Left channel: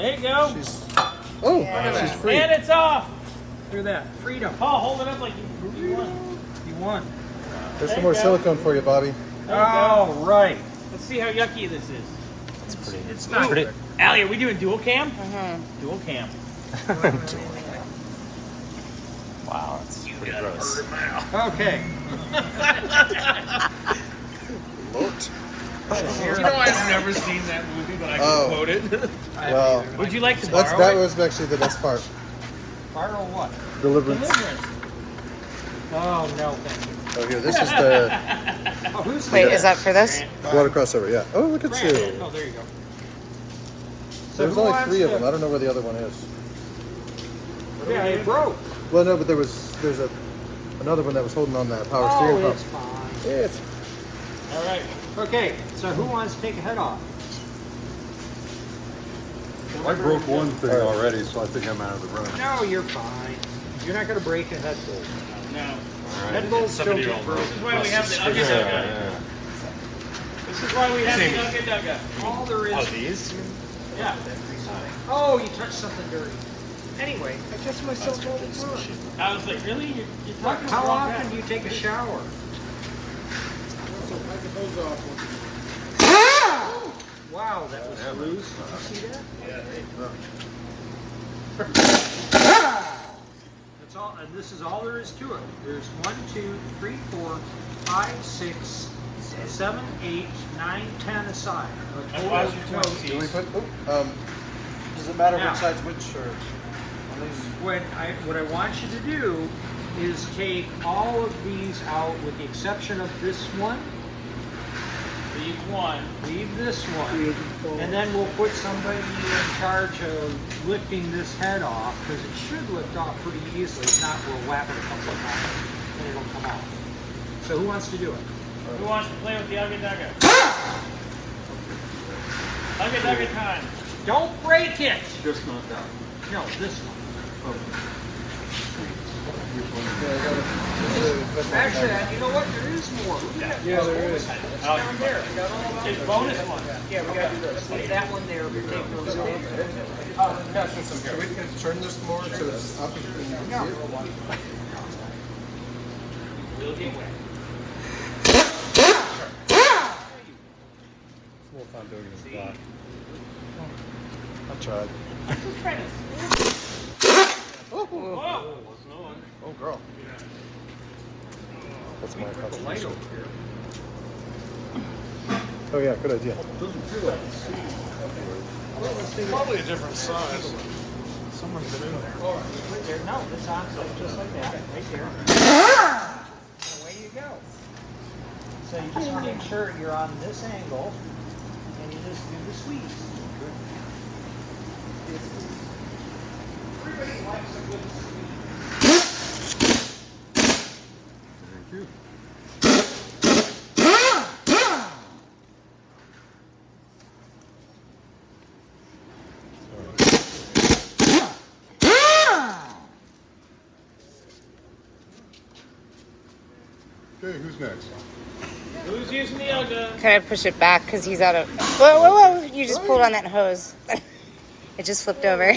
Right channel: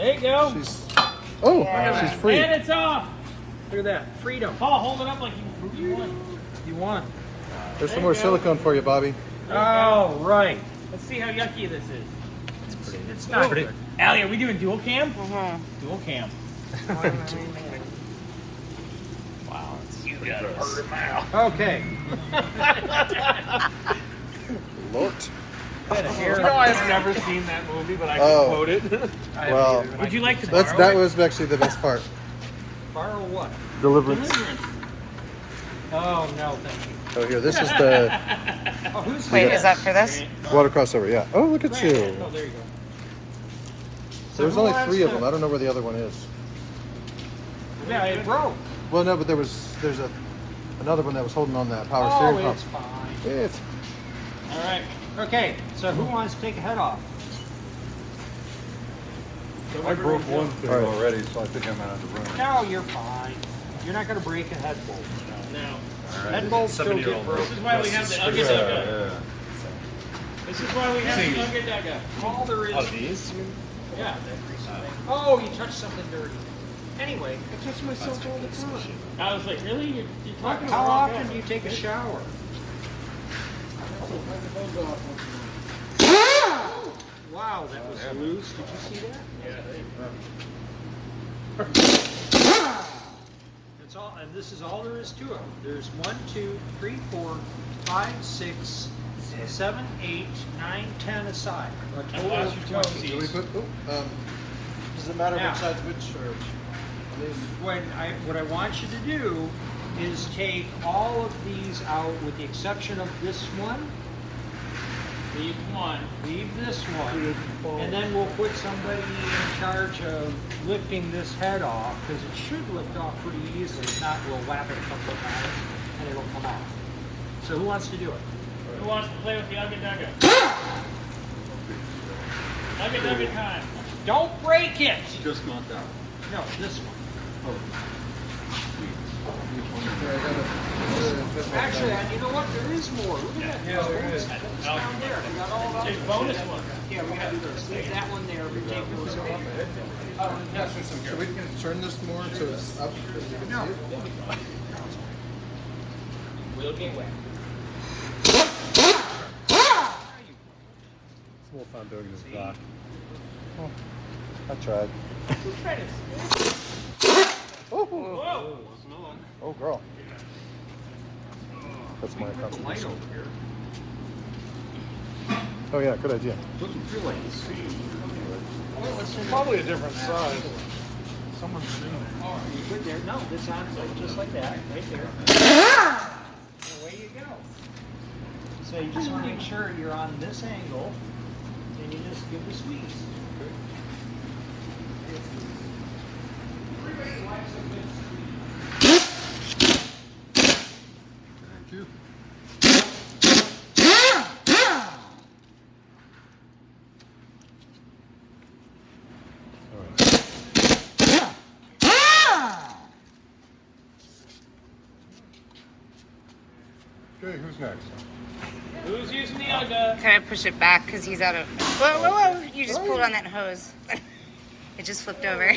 There you go. She's free. And it's off. Look at that. Freedom. Paul, hold it up like you won. You won. There's some more silicone for you, Bobby. Oh, right. Let's see how yucky this is. It's not good. Allie, are we doing dual cam? Mm-hmm. Dual cam. Wow, that's pretty gross. Okay. Looked. You know, I've never seen that movie, but I can quote it. Well, Would you like to borrow that it? was actually the best part. Borrow what? Deliverance. Deliverance. Oh, no, thank you. Oh, here, this is the Oh, who's Wait, this? is that for this? water crossover. Yeah. Oh, look at you. Oh, there you go. So There's who only wants 3 of to- them. I don't know where the other one is. Yeah, it broke. Well, no, but there's another one that was holding on that power Oh, steering it's pump. fine. It's All right. Okay, so who wants to take a head off? I broke one thing All right. already, so I think I'm out of the run. No, you're fine. You're not going to break a head bolt. No. Head bolts don't get broken. This is why we have the Ugga Dugga. This is why we have the Ugga Dugga. All there is. Oh, these? Yeah. Oh, you touched something dirty. Anyway, I touched myself all the time. I was like, really? You're talking How about often do you take a shower? Wow, that was loose. Did you see that? Yeah. That's all, and this is all there is to it. There's 1, 2, 3, 4, 5, 6, 7, 8, 9, 10 aside. A total lost of you 20. twice. Can we put, does it matter Yeah. which side's which, or? What I want you to do is take all of these out with the exception of this one. Leave one. Leave this one, and then we'll put somebody in charge of lifting this head off, because it should lift off pretty easily. If not, we'll whap it a couple of times, and it'll come off. So who wants to do it? Who wants to play with the Ugga Dugga? Ugga Dugga time. Don't break it! Just knocked out. No, this one. Oh. Sweet. Which one? Actually, you know what? There is more. Look at that. Yeah, there is. It's down there. We got all of There's that. bonus ones. Yeah, we gotta do this. Leave that one there. We take those out. Can we turn this more to up? No. We'll get wet. It's more fun doing this block. I tried. Whoa. Wasn't on. Oh, girl. That's my contribution. Oh yeah, good idea. Doesn't feel like it's Probably a different size. Someone's been in there. Right there. No, this on like just like that, right there. And away you go. So you just want to make sure you're on this angle, and you just give the squeeze. Everybody likes a good squeeze. Thank you. Okay, who's next? Who's using the Ugga? Can I push it back because he's out of... Whoa, whoa, whoa. You just pulled on that hose. It just flipped over.